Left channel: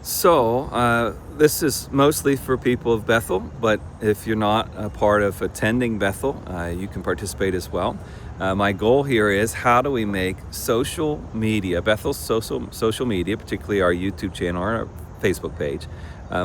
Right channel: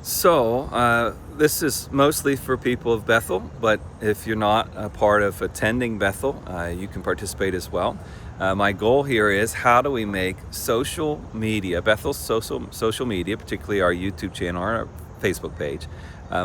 This is mostly for people of Bethel, but if you're not a part of attending Bethel, you can participate as well. My goal here is, how do we make social media, Bethel's social media, particularly our YouTube channel or our Facebook page,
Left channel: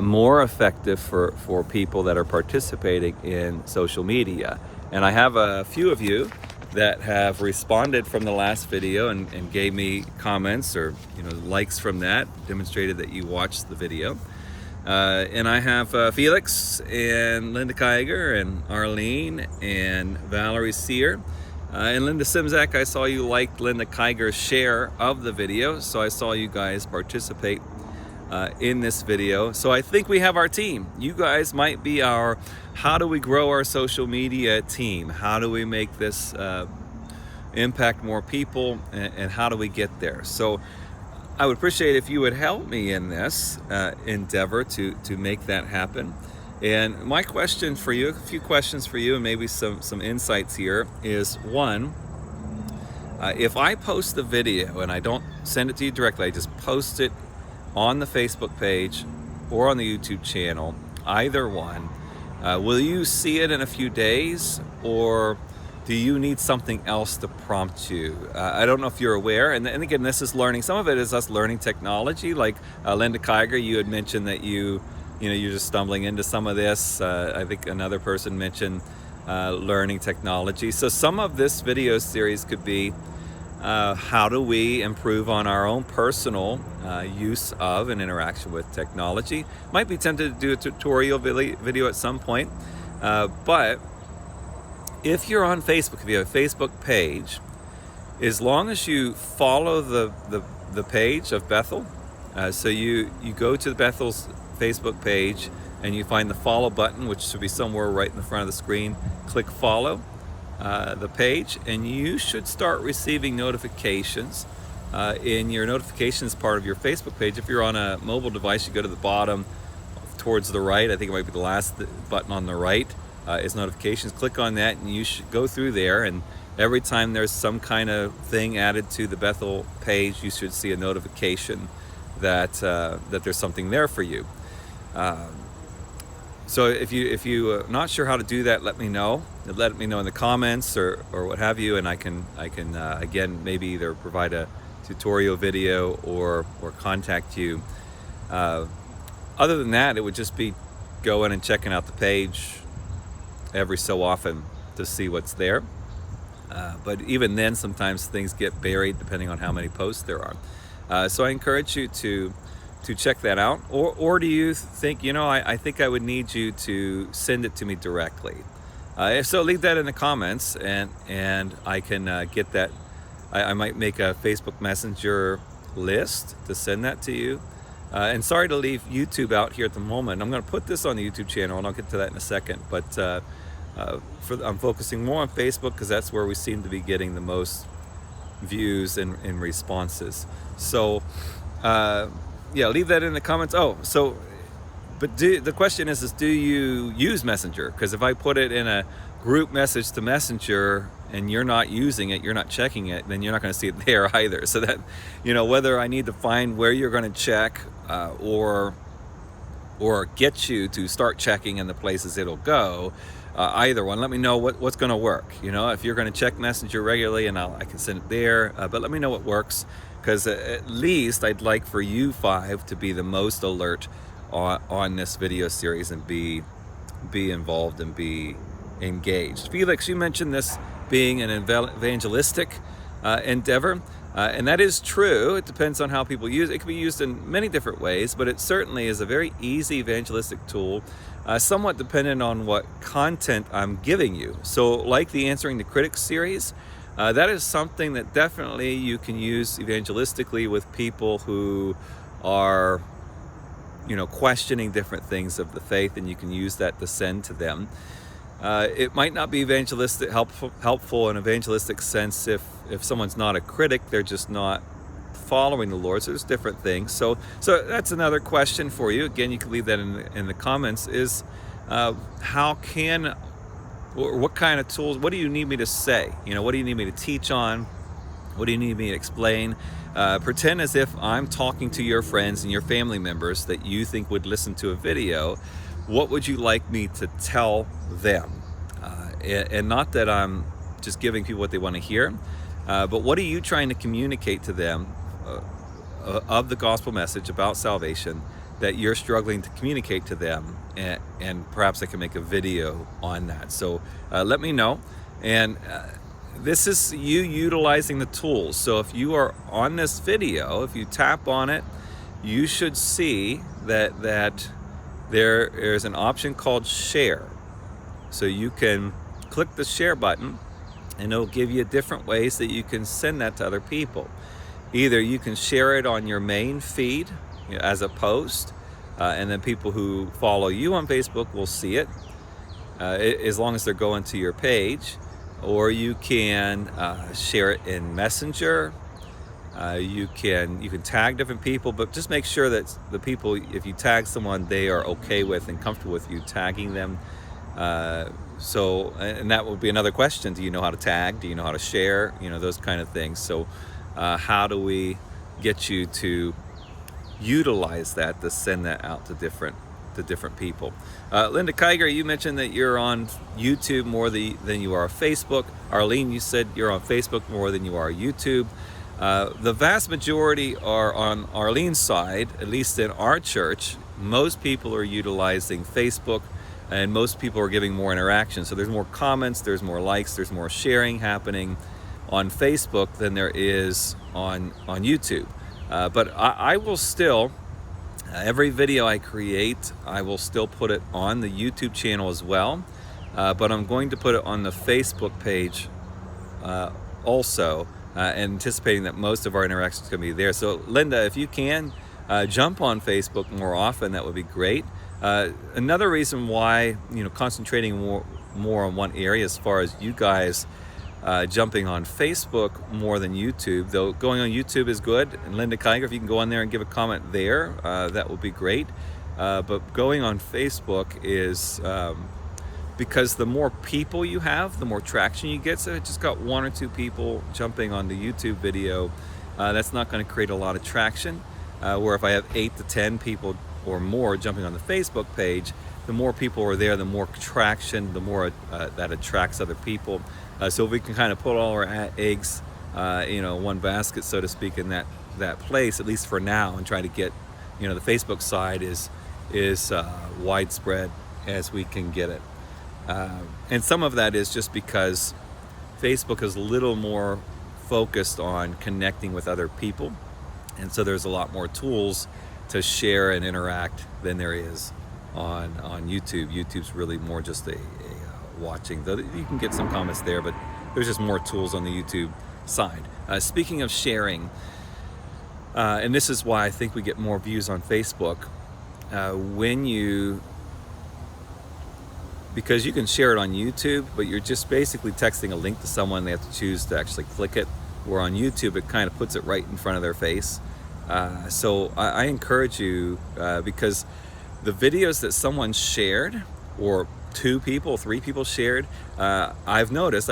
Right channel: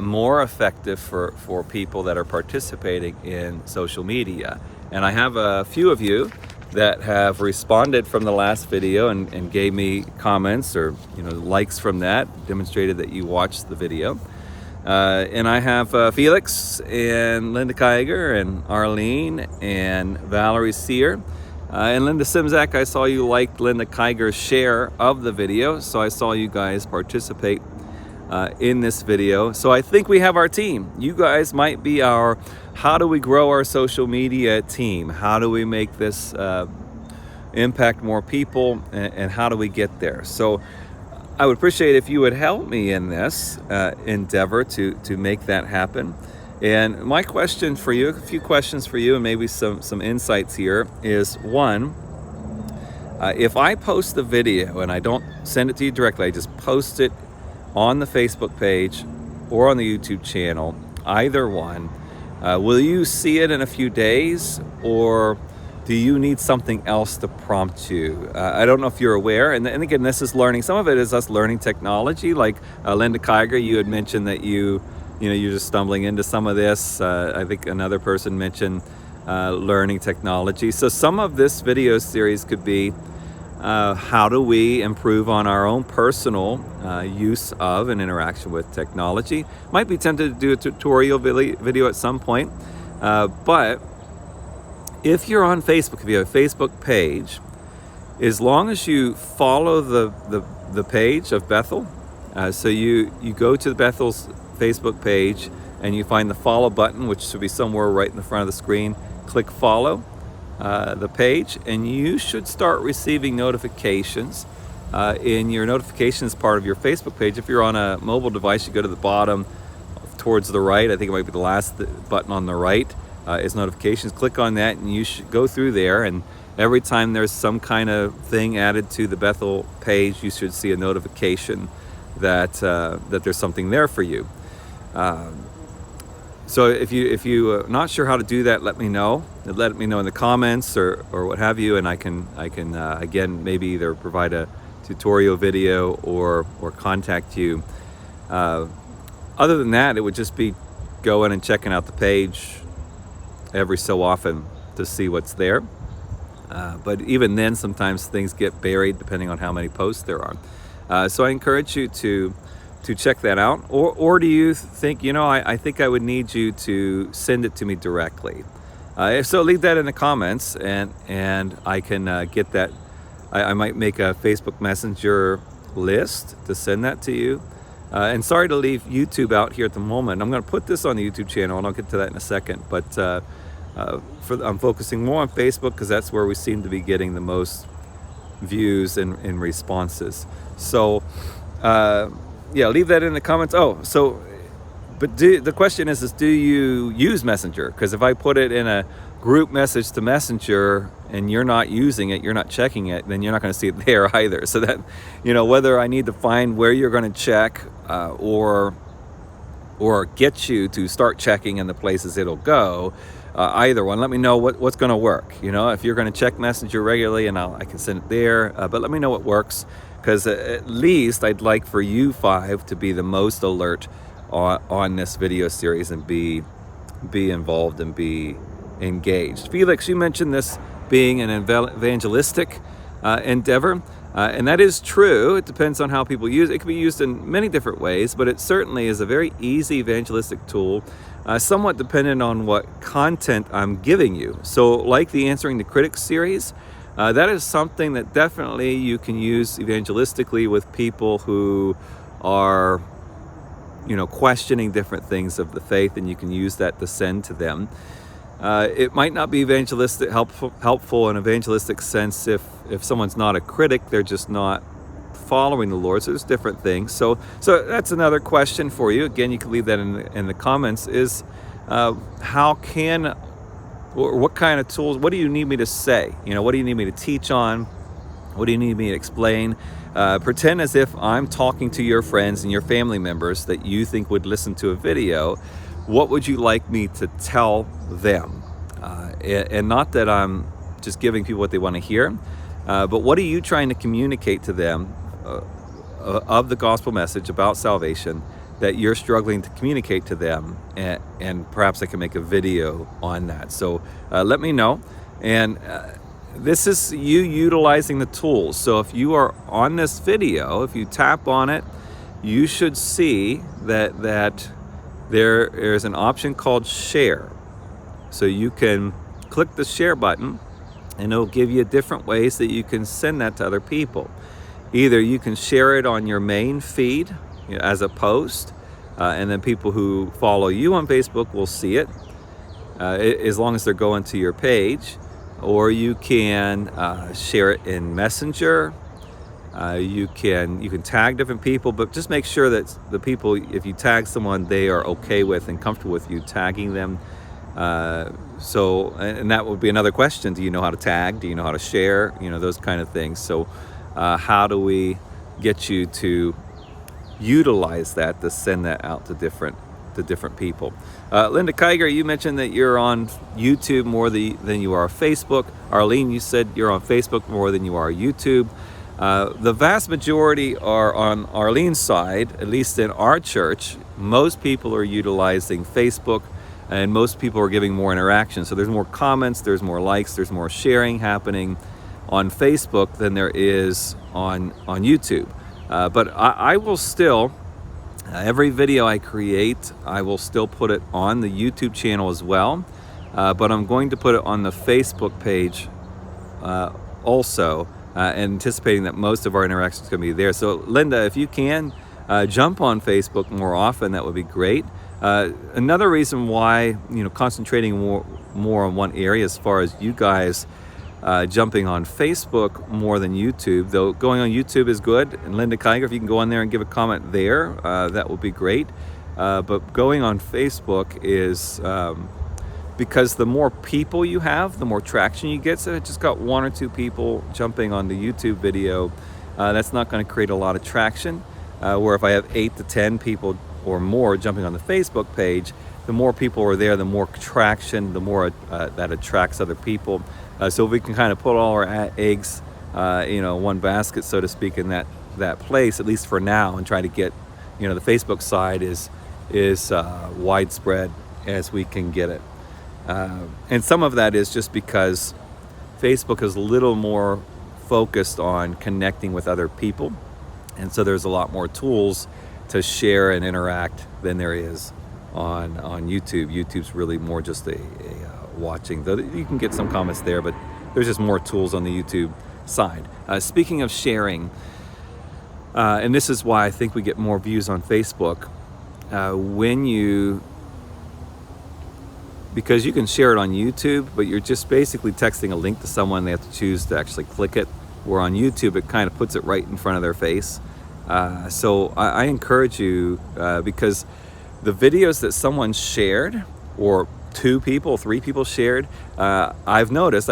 more effective for people that are participating in social media. And I have a few of you that have responded from the last video and gave me comments or likes from that, demonstrated that you watched the video. And I have Felix and Linda Kiger and Arlene and Valerie Sear. And Linda Simzak, I saw you liked Linda Kiger's share of the video, so I saw you guys participate in this video. So I think we have our team. You guys might be our how do we grow our social media team? How do we make this impact more people, and how do we get there? So I would appreciate if you would help me in this endeavor to make that happen. And my question for you, a few questions for you, and maybe some insights here is, one, if I post the video and I don't send it to you directly, I just post it on the Facebook page or on the YouTube channel, either one, will you see it in a few days, or do you need something else to prompt you? I don't know if you're aware, and again, this is learning. Some of it is us learning technology, like Linda Kiger, you had mentioned that you're just stumbling into some of this. I think another person mentioned learning technology. So some of this video series could be how do we improve on our own personal use of and interaction with technology. Might be tempted to do a tutorial video at some point, but if you're on Facebook, if you have a Facebook page, as long as you follow the page of Bethel, so you go to the Bethel's Facebook page and you find the follow button, which should be somewhere right in the front of the screen, click follow the page, and you should start receiving notifications in your notifications part of your Facebook page. If you're on a mobile device, you go to the bottom towards the right. I think it might be the last button on the right is notifications. Click on that and you should go through there, and every time there's some kind of thing added to the Bethel page, you should see a notification that there's something there for you. So if you not sure how to do that, let me know. Let me know in the comments or what have you, and I can again maybe either provide a tutorial video or contact you. Other than that, it would just be going and checking out the page every so often to see what's there. But even then, sometimes things get buried depending on how many posts there are. So I encourage you to check that out. Or do you think, I think I would need you to send it to me directly? If so, leave that in the comments, and I can get that. I might make a Facebook Messenger list to send that to you. And sorry to leave YouTube out here at the moment. I'm going to put this on the YouTube channel, and I'll get to that in a second. But I'm focusing more on Facebook because that's where we seem to be getting the most views and responses. So yeah, leave that in the comments. But the question is do you use Messenger? Because if I put it in a group message to Messenger and you're not using it, you're not checking it, then you're not going to see it there either. So that, whether I need to find where you're going to check or get you to start checking in the places it'll go, either one, let me know what's going to work. If you're going to check Messenger regularly, and I can send it there, but let me know what works, because at least I'd like for you 5 to be the most alert on this video series and be involved and be engaged. Felix, you mentioned this being an evangelistic endeavor, and that is true. It depends on how people use it. It can be used in many different ways, but it certainly is a very easy evangelistic tool, somewhat dependent on what content I'm giving you. So like the Answering the Critics series, that is something that definitely you can use evangelistically with people who are questioning different things of the faith, and you can use that to send to them. It might not be evangelistic helpful in evangelistic sense if someone's not a critic, they're just not following the Lord. So there's different things. So that's another question for you. Again, you can leave that in the comments. Is how can, or what kind of tools? What do you need me to say? What do you need me to teach on? What do you need me to explain? Pretend as if I'm talking to your friends and your family members that you think would listen to a video. What would you like me to tell them? And not that I'm just giving people what they want to hear, but what are you trying to communicate to them of the gospel message about salvation that you're struggling to communicate to them? And perhaps I can make a video on that. So let me know. And this is you utilizing the tools. So if you are on this video, if you tap on it, you should see that there's an option called share. So you can click the share button and it'll give you different ways that you can send that to other people. Either you can share it on your main feed, as a post, and then people who follow you on Facebook will see it, as long as they're going to your page. Or you can share it in Messenger. You can tag different people, but just make sure that the people, if you tag someone, they are okay with and comfortable with you tagging them. And that would be another question. Do you know how to tag? Do you know how to share? Those kind of things. So how do we get you to utilize that to send that out to different people? Linda Kiger, you mentioned that you're on YouTube more than you are Facebook. Arlene, you said you're on Facebook more than you are YouTube. The vast majority are on Arlene's side, at least in our church. Most people are utilizing Facebook, and most people are giving more interaction. So there's more comments, there's more likes, there's more sharing happening on Facebook than there is on YouTube. But I will still, every video I create, I will still put it on the YouTube channel as well. But I'm going to put it on the Facebook page also, anticipating that most of our interactions are going to be there. So Linda, if you can jump on Facebook more often, that would be great. Another reason why, concentrating more on one area as far as you guys jumping on Facebook more than YouTube, though going on YouTube is good. And Linda Kiger, if you can go on there and give a comment there, that would be great. But going on Facebook is because the more people you have, the more traction you get. So I just got 1 or 2 people jumping on the YouTube video. That's not going to create a lot of traction. Where if I have 8 to 10 people or more jumping on the Facebook page, the more people are there, the more traction, the more that attracts other people. So we can kind of put all our eggs, one basket, so to speak, in that place, at least for now, and try to get, the Facebook side is widespread as we can get it. And some of that is just because Facebook is a little more focused on connecting with other people, and so there's a lot more tools to share and interact than there is on YouTube. YouTube's really more just a watching, though you can get some comments there, but there's just more tools on the YouTube side. Speaking of sharing, and this is why I think we get more views on Facebook, because you can share it on YouTube, but you're just basically texting a link to someone, they have to choose to actually click it, where on YouTube it kind of puts it right in front of their face. So I encourage you, because the videos that someone shared, or 2 people, 3 people shared, I've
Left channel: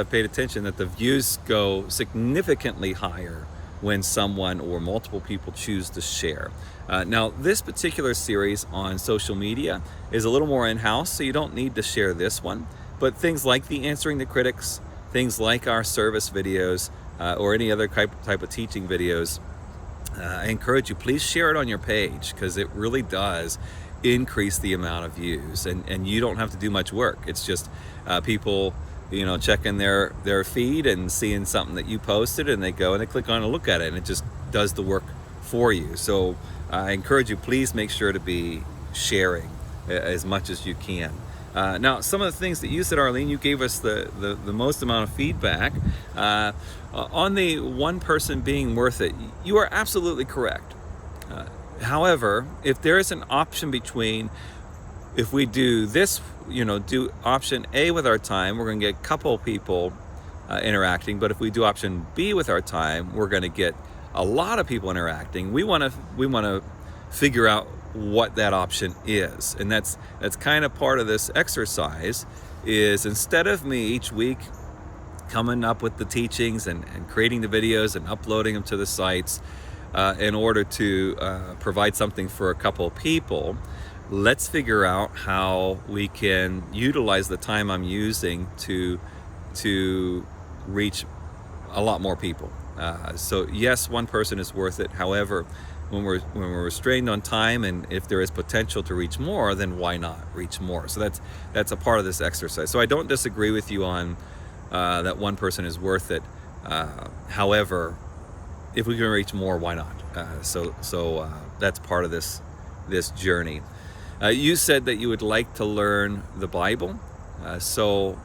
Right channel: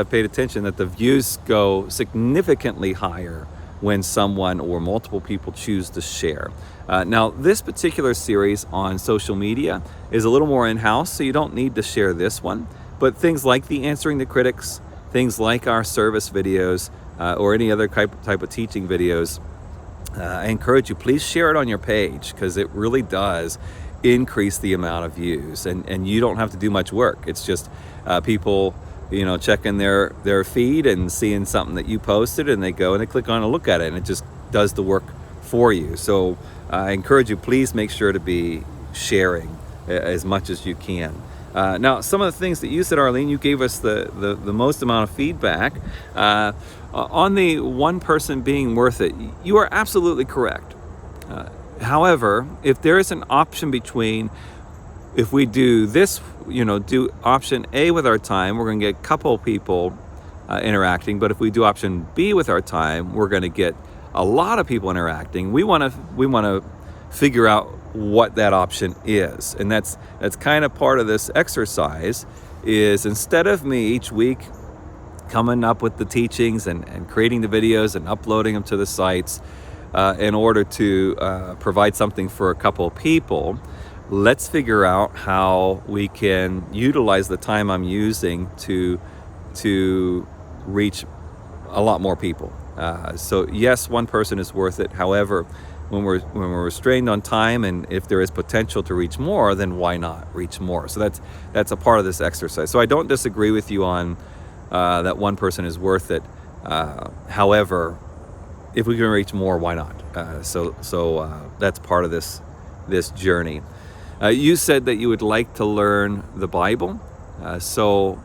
paid attention that the views go significantly higher when someone or multiple people choose to share. Now, this particular series on social media is a little more in-house, so you don't need to share this one. But things like the Answering the Critics, things like our service videos, or any other type of teaching videos, I encourage you, please share it on your page, because it really does increase the amount of views, and you don't have to do much work. It's just people checking their feed and seeing something that you posted, and they go and they click on and look at it, and it just does the work for you. So I encourage you, please make sure to be sharing as much as you can. Now, some of the things that you said, Arlene, you gave us the most amount of feedback on the one person being worth it. You are absolutely correct. However, if there is an option between, if we do this, do option A with our time, we're going to get a couple people interacting. But if we do option B with our time, we're going to get a lot of people interacting. We want to figure out what that option is, and that's kind of part of this exercise. Is instead of me each week coming up with the teachings and creating the videos and uploading them to the sites in order to provide something for a couple of people. Let's figure out how we can utilize the time I'm using to reach a lot more people. So yes, one person is worth it. However, when we're restrained on time, and if there is potential to reach more, then why not reach more? So that's a part of this exercise. So I don't disagree with you on that one person is worth it. However, if we can reach more, why not? So that's part of this journey. You said that you would like to learn the Bible, so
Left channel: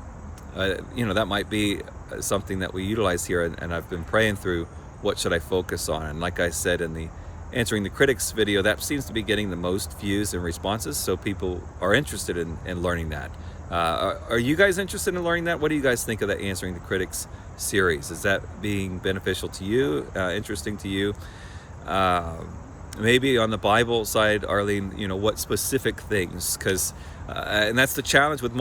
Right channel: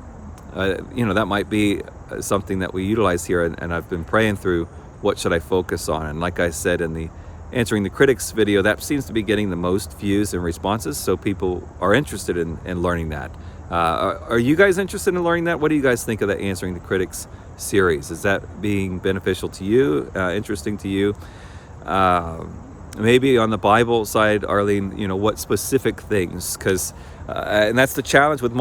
that might be something that we utilize here. And I've been praying through what should I focus on. And like I said in the Answering the Critics video, that seems to be getting the most views and responses. So people are interested in learning that. Are you guys interested in learning that? What do you guys think of the Answering the Critics series? Is that being beneficial to you, interesting to you? Maybe on the Bible side, Arlene, what specific things? Because and that's the challenge with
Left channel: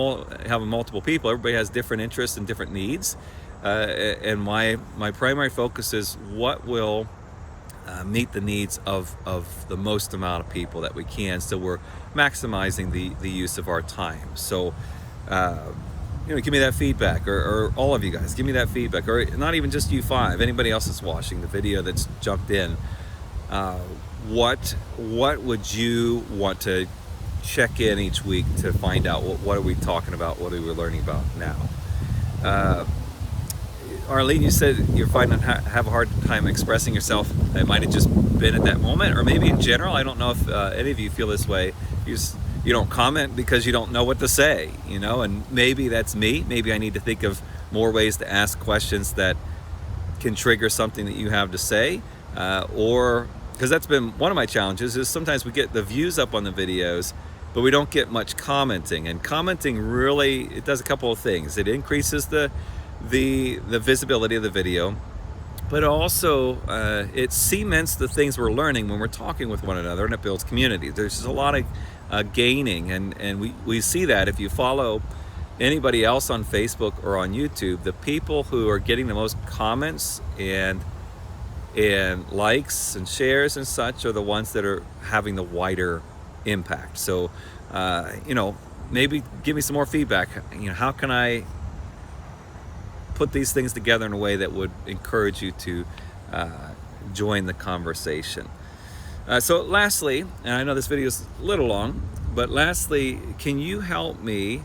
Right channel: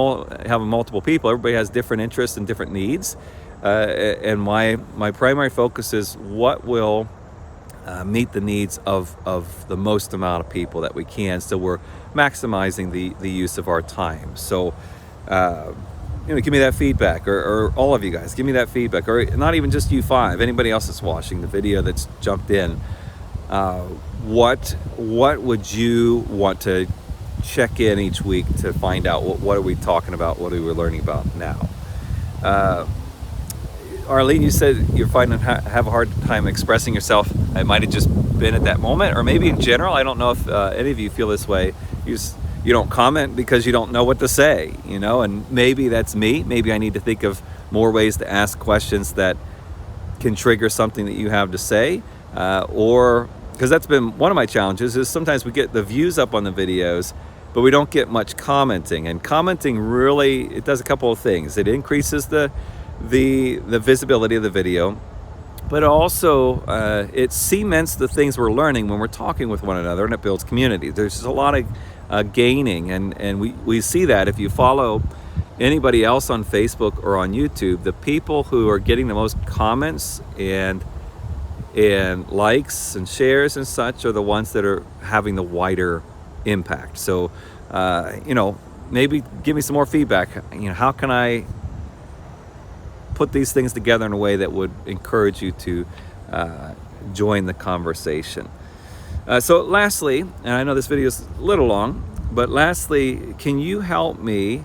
having multiple people. Everybody has different interests and different needs. And my primary focus is what will meet the needs of the most amount of people that we can, so we're maximizing the use of our time. So give me that feedback, or all of you guys, give me that feedback, or not even just you five, anybody else that's watching the video that's jumped in. What would you want to check in each week to find out what are we talking about, what are we learning about now? Arlene, you said you're finding have a hard time expressing yourself. It might have just been at that moment, or maybe in general. I don't know if any of you feel this way. You don't comment because you don't know what to say, and maybe that's me. Maybe I need to think of more ways to ask questions that can trigger something that you have to say, or because that's been one of my challenges, is sometimes we get the views up on the videos, but we don't get much commenting. And commenting really, it does a couple of things. It increases the visibility of the video, but also it cements the things we're learning when we're talking with one another, and it builds community. There's just a lot of gaining, and we see that if you follow anybody else on Facebook or on YouTube, the people who are getting the most comments and likes and shares and such are the ones that are having the wider impact. So maybe give me some more feedback. How can I put these things together in a way that would encourage you to join the conversation? So lastly, and I know this video is a little long, but lastly, can you help me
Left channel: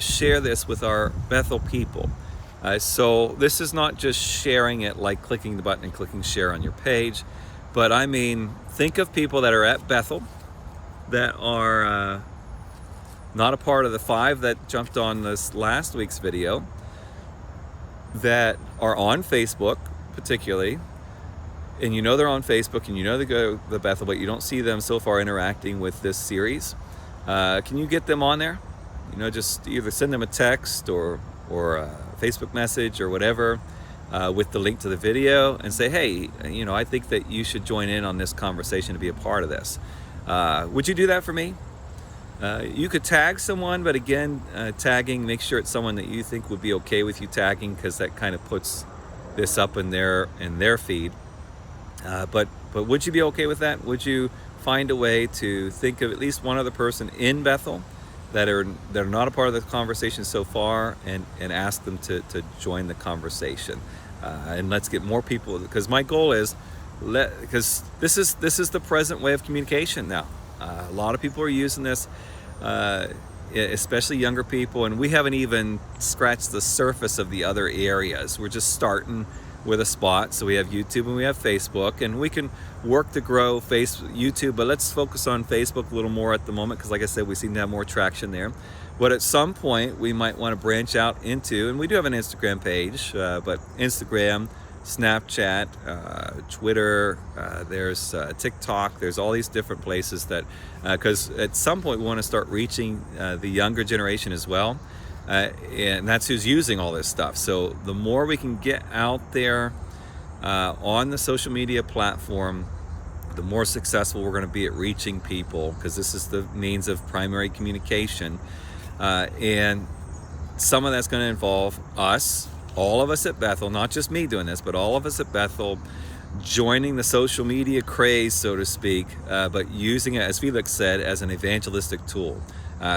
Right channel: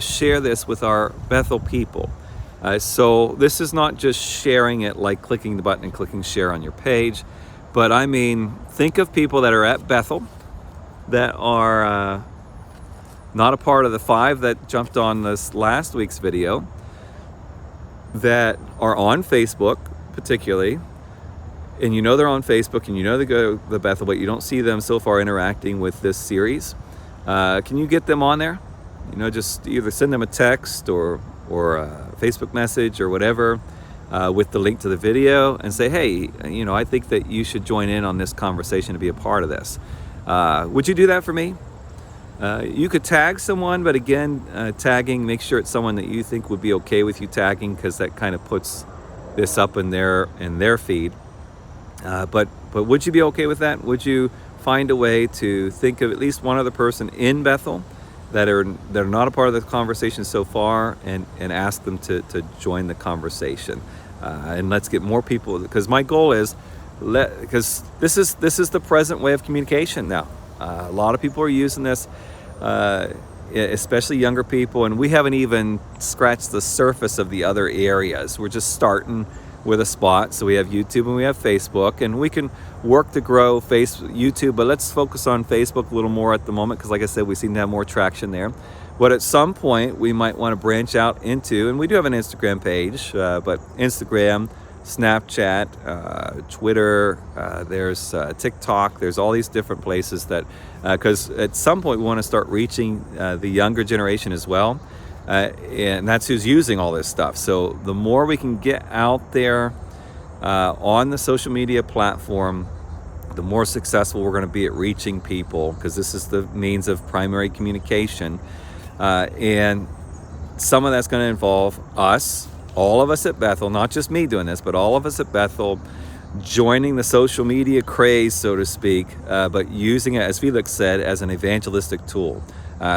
share this with our Bethel people? So this is not just sharing it like clicking the button and clicking share on your page, but I mean, think of people that are at Bethel that are not a part of the 5 that jumped on this last week's video, that are on Facebook particularly, and they're on Facebook, and they go to the Bethel, but you don't see them so far interacting with this series. Can you get them on there? Just either send them a text or a Facebook message or whatever with the link to the video, and say, hey, I think that you should join in on this conversation to be a part of this. Would you do that for me? You could tag someone, but again, tagging, make sure it's someone that you think would be okay with you tagging, because that kind of puts this up in their feed. But would you be okay with that? Would you find a way to think of at least one other person in Bethel that are not a part of the conversation so far, and ask them to join the conversation? And let's get more people, because my goal is, because this is the present way of communication now. A lot of people are using this, especially younger people, and we haven't even scratched the surface of the other areas. We're just starting with a spot. So we have YouTube and we have Facebook, and we can work to grow YouTube, but let's focus on Facebook a little more at the moment, because like I said, we seem to have more traction there. But at some point we might want to branch out into, and we do have an Instagram page, but Instagram, Snapchat, Twitter, there's TikTok, there's all these different places that, because at some point we want to start reaching the younger generation as well, and that's who's using all this stuff. So the more we can get out there on the social media platform, the more successful we're going to be at reaching people, because this is the means of primary communication, and some of that's going to involve us all of us at Bethel, not just me doing this, but all of us at Bethel joining the social media craze, so to speak, but using it, as Felix said, as an evangelistic tool.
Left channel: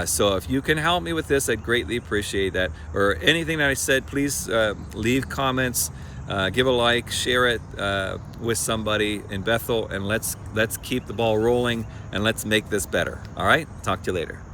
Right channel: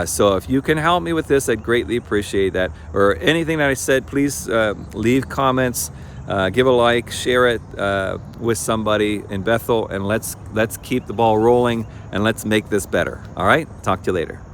So if you can help me with this, I'd greatly appreciate that. Or anything that I said, please leave comments, give a like, share it with somebody in Bethel, and let's keep the ball rolling and let's make this better. All right, talk to you later.